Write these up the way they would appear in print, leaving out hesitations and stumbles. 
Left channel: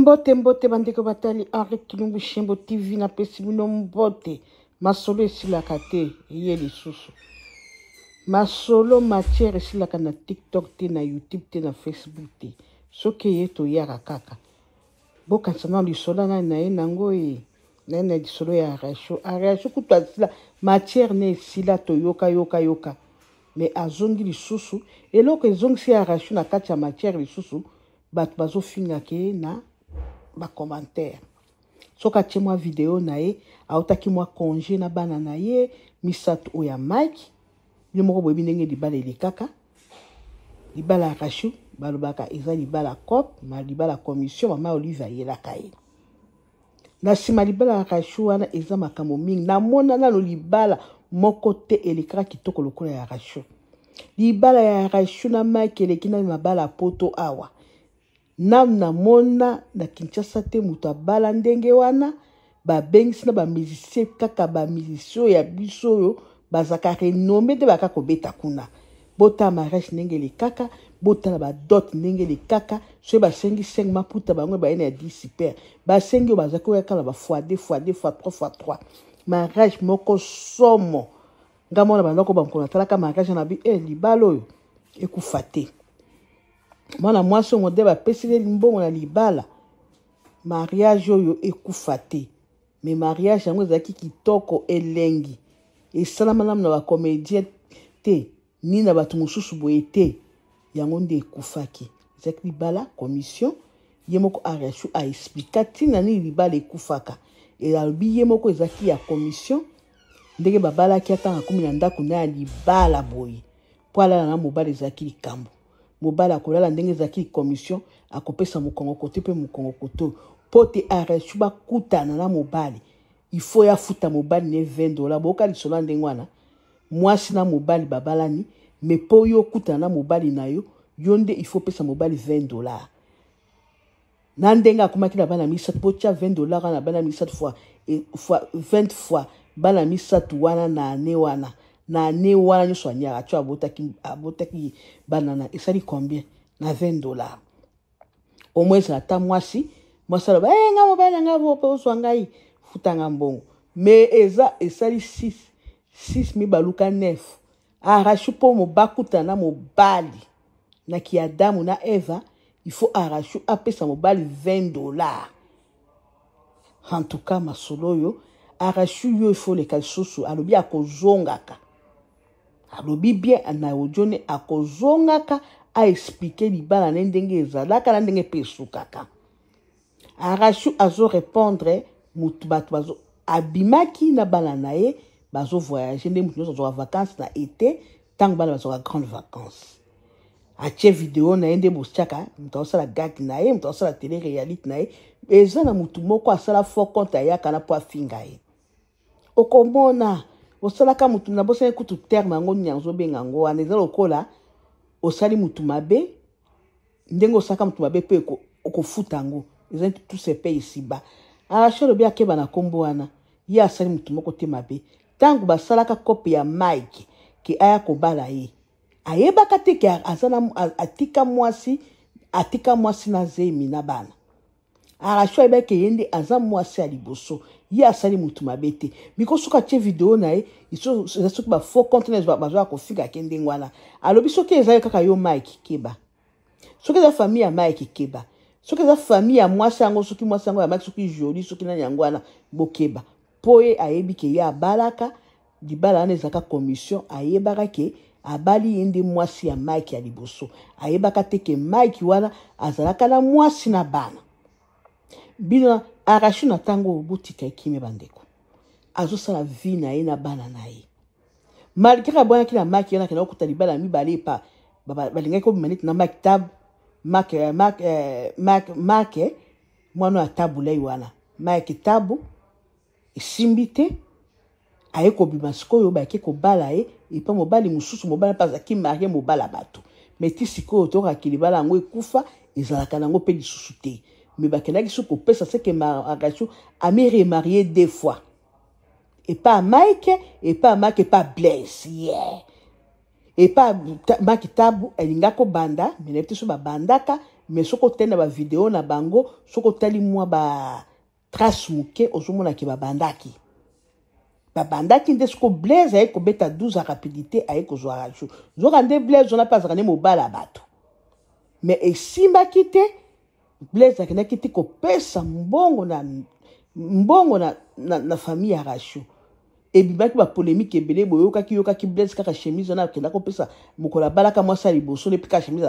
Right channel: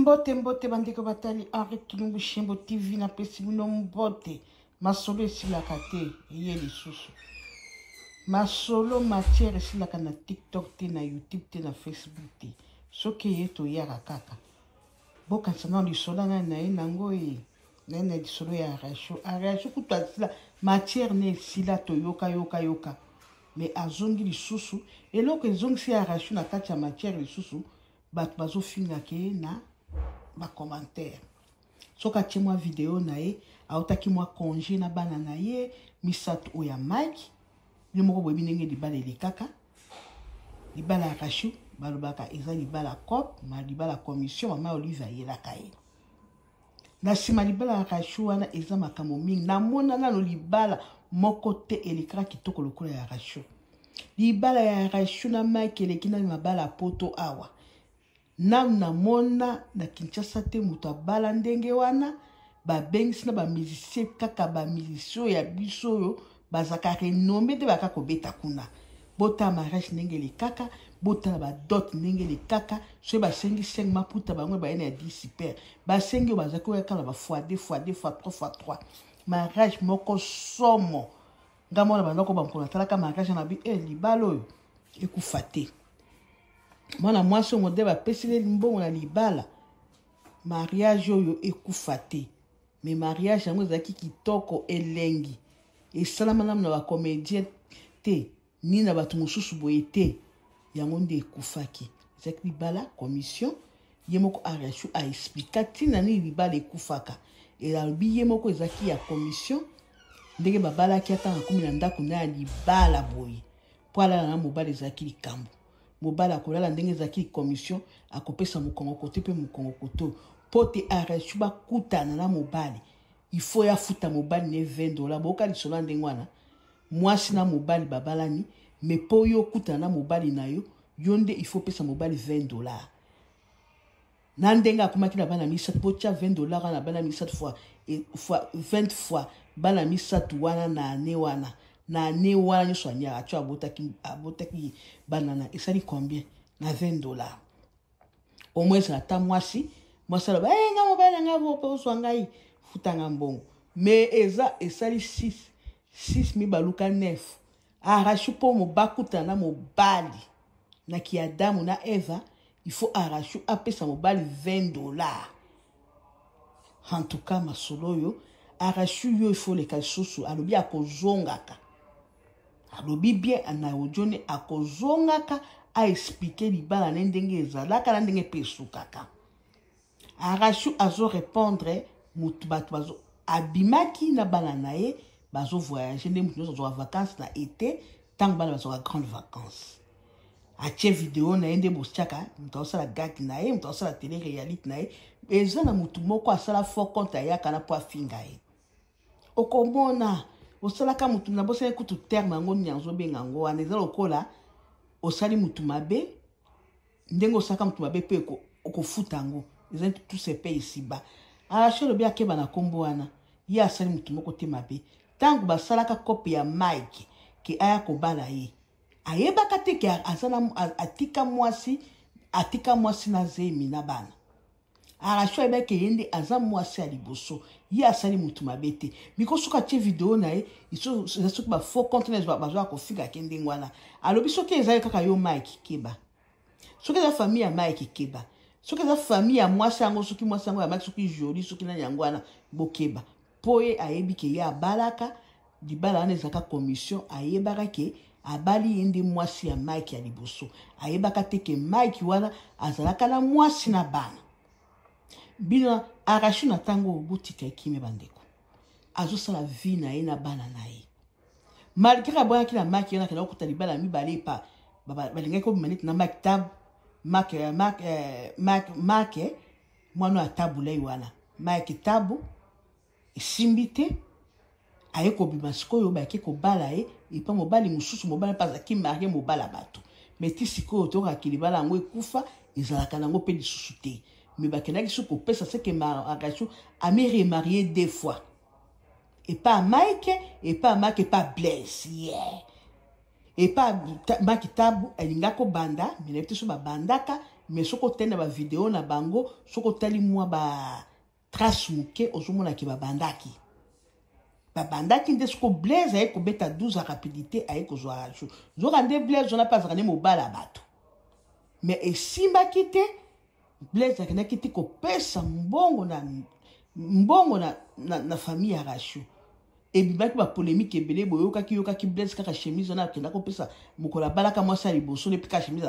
Mbote mbote bandeko batali Henri Kilumbu Shembo TV na pesi bino mbote masolo esilaka te ye lisusu masolo matière esilaka na TikTok te na YouTube te na Facebook te soki ye toyaka kaka bokanisa na lisolo na ye nango ye na lisolo ya arasho kutu asila matière ne esila toyoka yoka mais azongi lisusu eloko ezongisi arasho na kati ya matière lisusu bato bazofinga ke na ba commentaire soka tie moi vidéo na ye autaki moi congé na bana na ye misato oya Mike ni moko boyebi ndenge libala elekaka libala kashu balobaka eza libala cop ma libala commission mama Olive ayelaka ye na sima libala kashu wana eza makambo mingi na mona na lo libala moko te elekaka kitoko lokola ya kashu libala ya kashu na Mike elekina mabala poto awa na mona na Kinshasa te muta bala ndenge wana ba bengisi na ba musicien kaka ba musicien ya biso yo bazaka renomé te baka kobeta kuna bota mariage ndenge le kaka bota na ba dot ndenge le kaka so ba sengi 5 maputa bango ba ene ya 10 super ba sengi bazaka ya kala ba x2 x3 x3 mariage moko somo ngamona bandako bamkona talaka mariage na bi libalo yo ekufate mwana mwasi ngo deba pesile mbongo na libala mariage oyo ekufa te mais mariage yango ezaki kitoko elengi esalama na ba comédien te ni na bato mosusu boye te yango nde ekufaki ezaki libala commission ye moko arashu a explica tina ni libala ekufaka elalobi ye moko ezaki ya commission ndenge babalaki atanga kumi na ndako na ya libala boye po alala na mobali ezaki likambo mobala kolala ndenge ezaki commission akopesa mokongo kote pe mokongo koto pote arashu bakutana na mobali il faut ya futa mobali ne $20 boka lisolo ndenge wana mwasi na mobali babalani mais po yo kutana na mobali na yo yonde il faut pesa mobali $20 na ndenge akomaki na bana misatu pocha $20 na bana misatu fois 20 fois bana misatu wana na ane wana na ne wana nyoso anyaka tu abotaki banana esali combien na $20 au moins ata mwasi aloba nga mobali nga bope oswa ngai futanga mbongo mais eza esali 6 mibaluka 9 arashu po mobakuta na mobali na ki Adamu na Eva il faut arashu apesa mobali $20 en tout cas masolo yo arashu yo il faut le kalsusu alobi akozongaka alobi bien na ojone akozongaka a expliquer libala na ndenge ezalaka na ndenge pesukaka arashu azo répondre mutu bato bazo abimaki na bana na ye bazo voyager nde mutu zo vacances na été tango bana bazo grande vacances atie vidéo na ende bochaka mutu osala gag na ye mutu osala télé réalité na ye eza na mutu moko asala faux compte ayaka na po afinga ye okomona osalaka mutu na bosa kutu terme yango nyanzo benga ngo wana eza lokola osali mutu mabe ndengo osaka mutu mabe pe okofuta ngo eza tout se paye ici bas arasho lobi akeba na kombo wana ye asali mutu moko te mabe tango basalaka kopi ya Mike ke aya kobala ye ayebaka te ke azana atika mwasi na zemi na bana arasho ebeke yende aza mwasi ya liboso ye asali mutu mabe te biko soka tie vidéo na ye iso soki ba faux contenance bazo akofika kende ngwana alobi soki eza kaka yo Mike keba soki eza famille ya Mike keba soki eza famille ya mwasi yango soki mwasi yango ya Mike soki joli soki na nyangwana bokeba poye ayebi ke ye abalaka libala wana ezaka commission ayebaka ke abali yende mwasi ya Mike ya liboso ayebaka te ke Mike wana azalaka na mwasi na bana bino arashu na tango botika ekime bandeko azosala vie na ye na bana na ye malgré abwana ki na Mike yana kana okuta libala mibale pa balingaki ko bimaniti na Mike tab Mike mwana ya tabu lai wana Mike tabu esimbi te aye kobima sikoyo bayaki kobala ye epa mobali mosusu mobali mpe azalaki marie mobala bato mais ti sikoyo tokaki libala yango ekufa ezalaka nango mpe lisusu te mais bakendaki so kopesa seke arashu ami remarié 2 fois et pas Mike pas Blaise yeah et pas Mike tabu elinga ko banda mais na so ba bandaka mais soko tenda ba vidéo na bango soko tali moi ba trace muke ozomona ki babandaki babandaki nde soko Blaise aye ko beta 12 à rapidité aye ko zo aracho zo rande Blaise on a pas rane mobala bato mais esimba kite Blaise akena kiti ko pesa mbongo na famille aracho et bibaki ba polémique ebele boyoka ki Blaise kaka chemise on a kenda ko pesa mukola balaka mwasa liboso ne pika chemise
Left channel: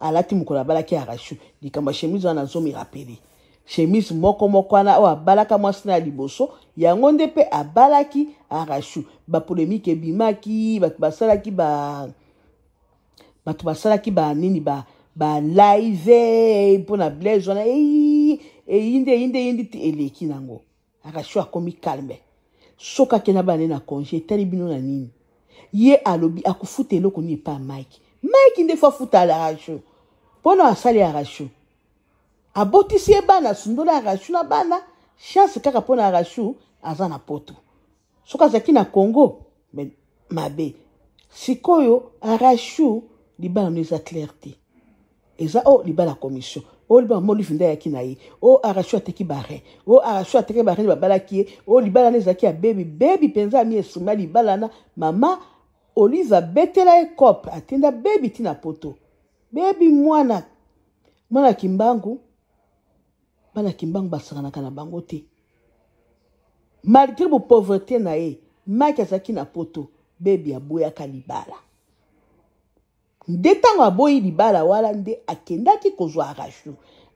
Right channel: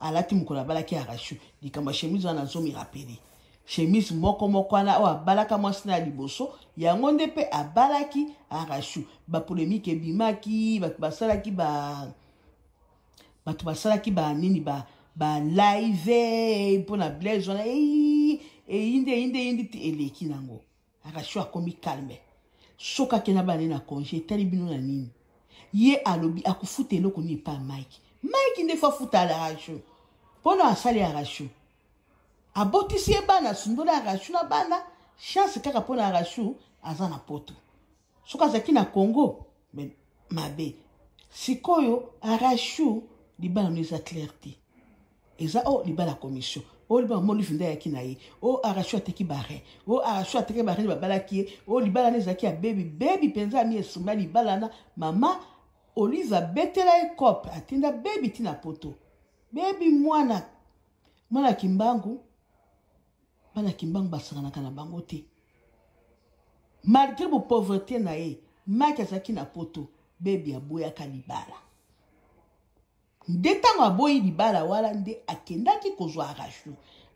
alati mukola balaki aracho dikamba chemise on a zo mi rappeler chemise moko ana o abalaka mwasi na liboso yango nde pe abalaki arachu ba polémique ebimaki batu basalaki ba nini ba live pona Blaise wana inde ti eleki nango arachu akomi calme soka kena bane na congé tali bino na nini ye alobi akufuta eloko ni pa Mike nde fa futa arachu pona asali arachu abotisi bana sundola arachu na bana chance kaka pona arachu azana poto soka zaki na Congo mais mabe sikoyo arachu libala neza clarté eza libala commission libala mo lifinda yaki na ye arachu ateki bare arachu ateki bare babala ki libala neza ki ya baby penza mi esuma libala na mama Oliva betela e cop atenda baby tina poto baby mwana kimbangu bana kimbangu basanganaka na bango te malgré bo pauvreté na ye Mike azaki na poto baby aboyaka libala nde ntango aboyi libala wala nde akendaki kozwa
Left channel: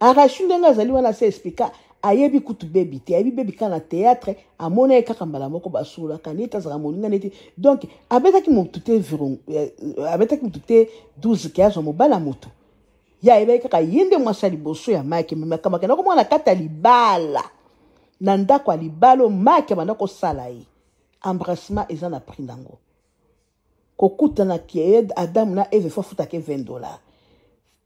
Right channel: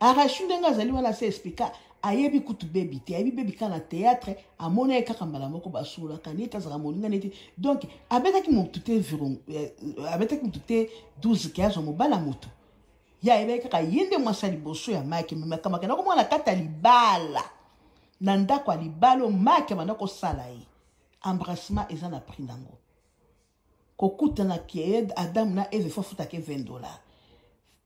arachu ndenge azali wana se explika ayebi kutu baby te ayebi baby kana théâtre amona ye kaka mbala moko basulaka neti azaka moninga neti donc abetaki motu te 12 ke azwa mobala motu ya ebe kaka yende mwasa liboso ya Mike makamaka na komona kata libala na ndako ya libalo Mike banda ko sala ye embrassement eza na prix nango kokutana ki Adam na Eve fa futa ke $20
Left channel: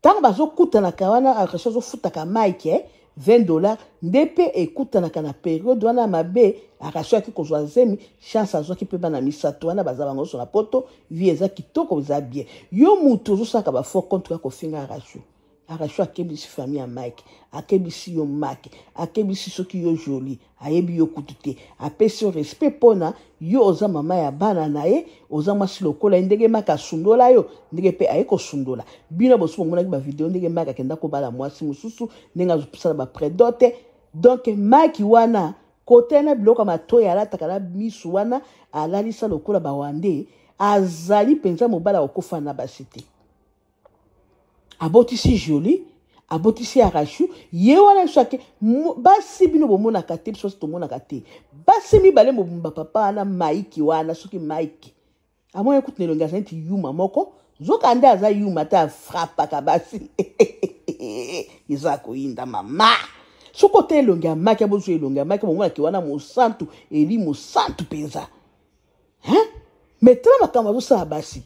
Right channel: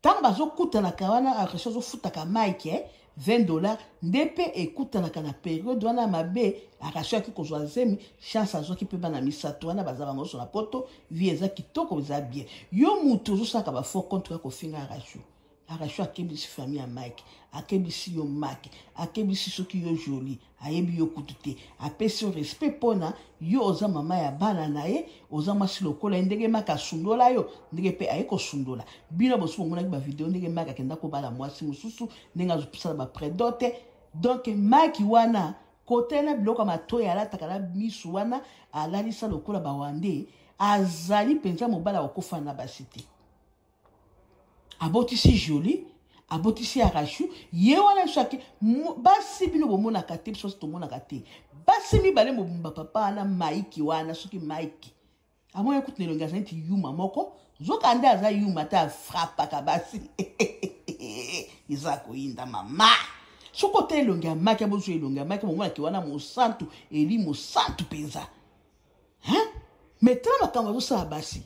tant bazo kutana kawana akacho zo futa ka Mike $20 ndepe ekutana kana periode wana mabe akacho ki kozwa zemi chance azo ki pe bana misato wana baza bango so na poto vie eza kitoko za bien yo mutu zo saka ba fort contre ko finga arachu akebisi famille ya Mike akebisi yo Mike akebisi soki yo joli ayebi yo kutute apesi yo respect pona yo oza mama ya bana na ye oza mwasi lokola ndenge Mike sundola yo ndenge pe ayeko sundola bino bosu mona ba video ndenge Mike akenda ko bala mwasi mususu ndenge azopisa ba predote donc Mike wana kote na biloko matoya alataka na misu wana alalisa lokola bawande azali penza mobala okofa na basite abotisi joli abotisi arachu ye wana shake basi bino bomona kate biso tomona kate basi mi bale mobumba papa na Mike wana soki Mike amoye kutne longa senti yuma moko zoka anda aza yuma ta frappa ka basi izako inda mama soko te longa Mike abozu longa Mike bomona ki wana mosantu eli mosantu penza metela makamba zo sa basi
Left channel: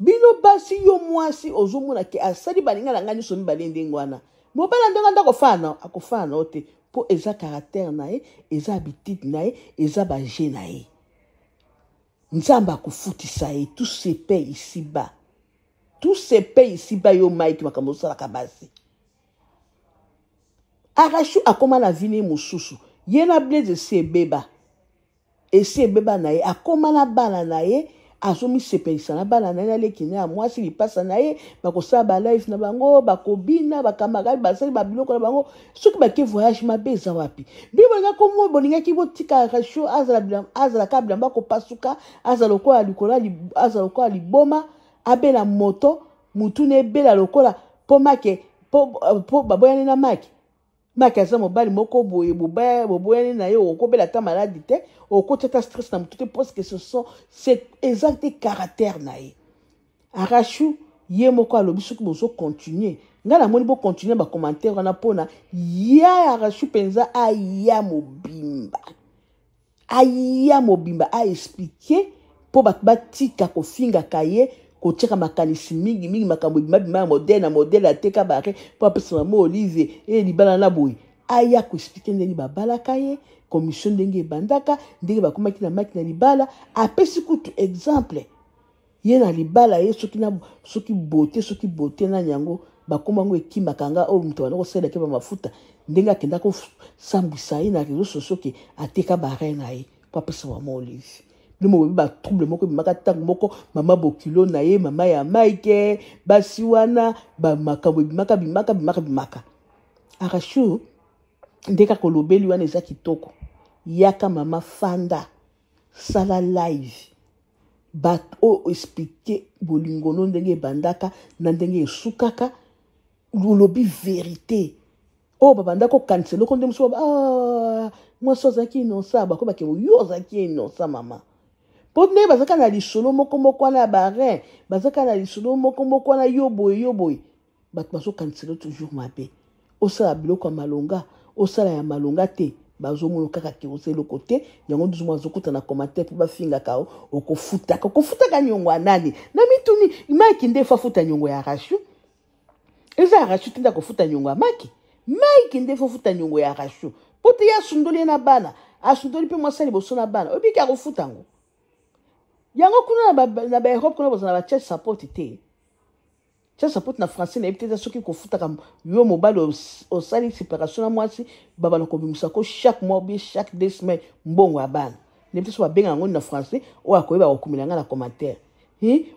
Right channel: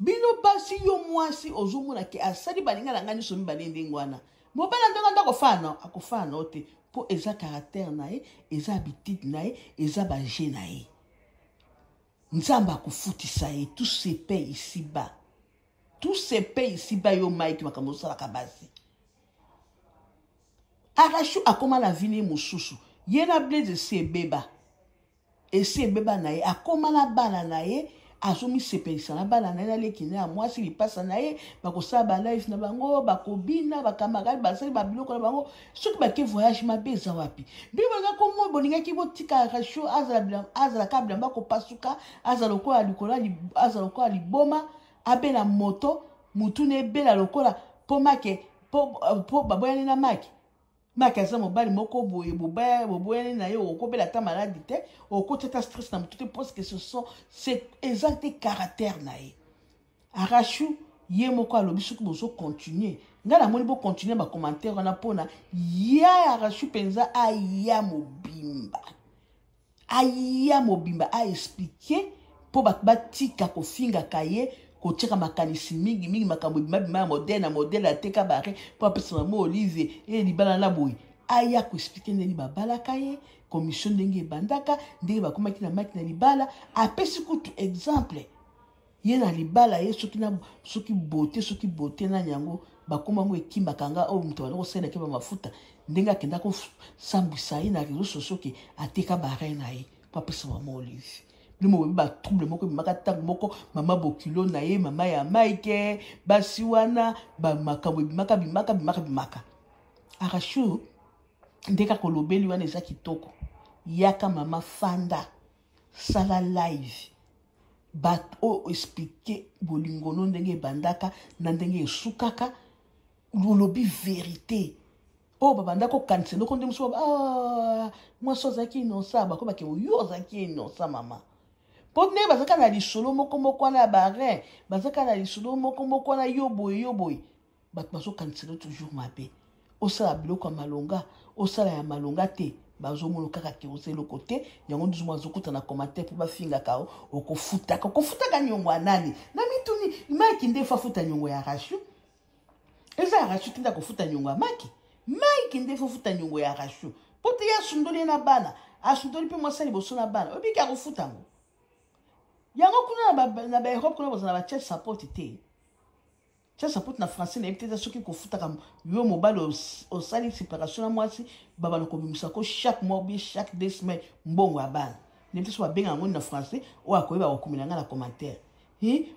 bino basi yo mwasi ozomona ke asali balinga na ngani so mibale ndengwana mobala ndenga ndako fana akofana ote po eza caractère na ye eza habitude na ye eza ba je na ye nzamba akufutisa ye tout se paye ici bas yo Mike makambo sala kabasi arachu akoma na vini mususu ye na Blaise esi ebeba na ye akoma na bana na ye azomi sepelisa na bana na ye leki na mwasi lipasa na ye bakosala ba live na bango bakobina bakamarade basali babiloko na bango soki bake voyage mabe eza wapi bibolinga komo bolingaki botika arachu azala ka bilamba kopasuka azala lokola likola azala lokola liboma abela moto mutu na ebela lokola po make po baboyani na Mike aza mobali moko boye boboyani na ye okobela ta maladi te okoteta stress na mutu te parce que c'est exact caractère na ye arachu ye moko alobi soki bozo continuer nga na moni bo continuer ba commentaire wana pona ya arachu penza aya mobimba a expliquer po batika kofinga kaye kotika makanisi mingi makambo bima modèle ateka bare po apesa mama Olivier libala na boy aya ko expliquer ndeni babala kaye commission ndenge bandaka ndenge bakomaki na Mike na libala apesi kutu exemple ye na libala ye soki beauté na nyango bakoma ngo ekimaka nga o muto wana kosala ke ba mafuta ndenga kenda ko sambisa ye na réseaux sociaux ke ateka bare na ye pa pesa mama Olive Lumo ba trouble moko bimaka tango moko mama bokilo na ye mama ya Mike basi wana ba makambo bimaka Arashu ndeka kolobeli wana eza kitoko yaka mama fanda sala live bat o expliquer bolingono ndenge bandaka na ndenge esukaka lolobi vérité o babanda ko cancel ko ndem so moi so zaki no sa ba ko ba ke yo zaki no sa mama Podne bazaka na lisolo moko na bare bazaka na lisolo moko na yoboy bat baso cancel toujours mabe osala biloko malonga osala ya malonga te bazomono kaka ke oselo côté yango nduzuma zokuta na commentaire ba finga kao okofuta ka nyongo anani na mituni Mike ndefa futa nyongo ya Arashu eza Arashu tinda kofuta nyongo ya Mike ndefa futa nyongo ya Arashu pote ya sundoli na bana asundoli pe mwasali boso na bana obika kofuta ngo yango kuna na ba Europe kuna bozana ba church support te church support na français na ebiteza soki kofuta kam yo mobile au sali séparation na mwasi baba na kobimisa ko chaque mois bien chaque 2 semaines mbongo abana nebiteza ba benga ngo na français o akoyeba kokumela nga na commentaire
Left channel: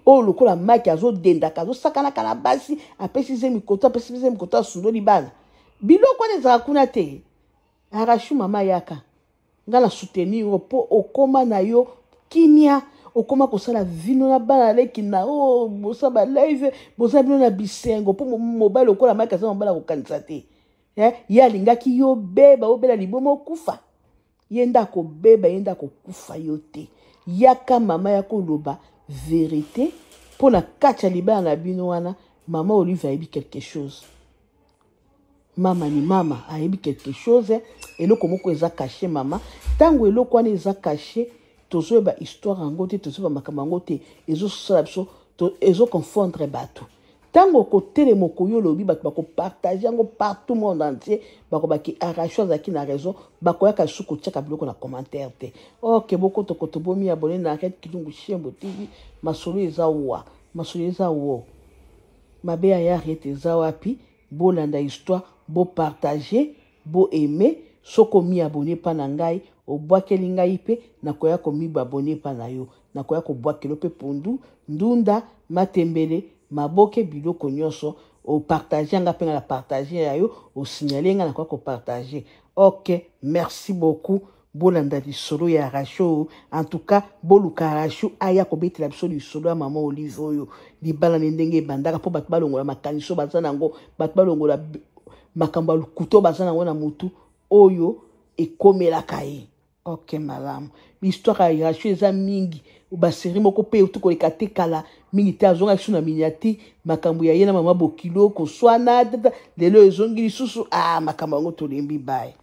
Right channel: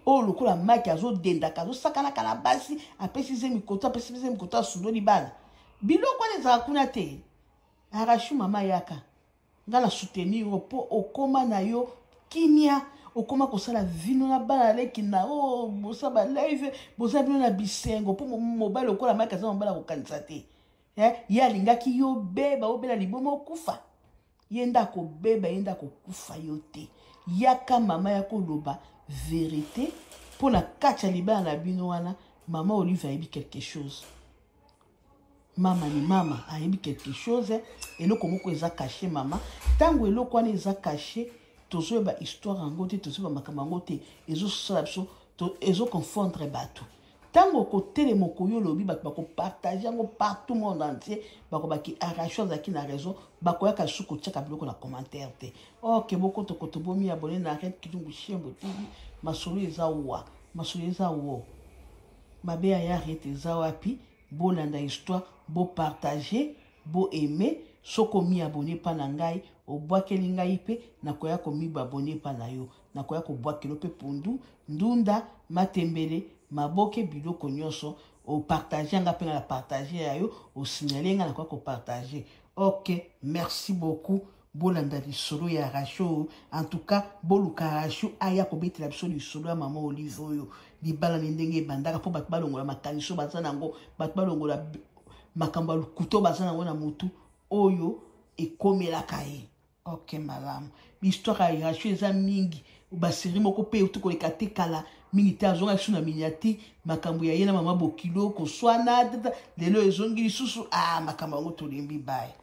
o lokola Mike azo denda kazo sakana kana basi apesize mikoto sundoli bana biloko neza kuna te Arashu mama yaka ngala soutenir po okoma na yo kimia okoma kosala vino na bana leki na bosa ba live bosa bino na bisengo po mobile okola Mike aza mobala ko kanisa te ya lingaki yo beba obela libomo kufa yenda ko beba yenda ko kufa yo te yaka mama ya koloba vérité pour la kacha libanga na bino wana mama Olive a dit quelque chose mama ni mama a dit quelque chose eloko moko eza caché mama tango eloko wana eza caché tozo ba histoire ngo te tozo ba makambo te ezo sala biso to ezo confondre bato tango ko tele moko yo lobi bato bako partager ngo partout monde entier bako baki Arashu zaki na raison bako ya kasuko tchaka biloko na commentaire te OK boko to bomi abonné na Red Kilungu Shembo TV masolo eza wo mabe ya arrête eza wapi bo landa histoire bo partager bo aimer soko mi abonné pa na ngai obwakeli ngai pe nakoya komi abonné pa na yo nakoya ko bwakelo pe pondu ndunda matembele maboke biloko nyonso o partager nga pe na partager ya yo o signaler nga nakoya ko partager OK merci beaucoup bolanda lisolo ya Arashu en tout cas boluka Arashu aya ko betela biso lisolo ya mama Olive oyo libala ndenge bandaka po bato balongola makaniso bazana ngo bato balongola makamba lukuto bazana ngo na mutu oyo ekomela kai OK malamu l'histoire ya Arashu eza mingi baseri moko pe utukoleka te kala mingi te azonga biso na miniati makambo ya ye na mama bokilo koswana lelo ezongi lisusu makambo yango tolembi baye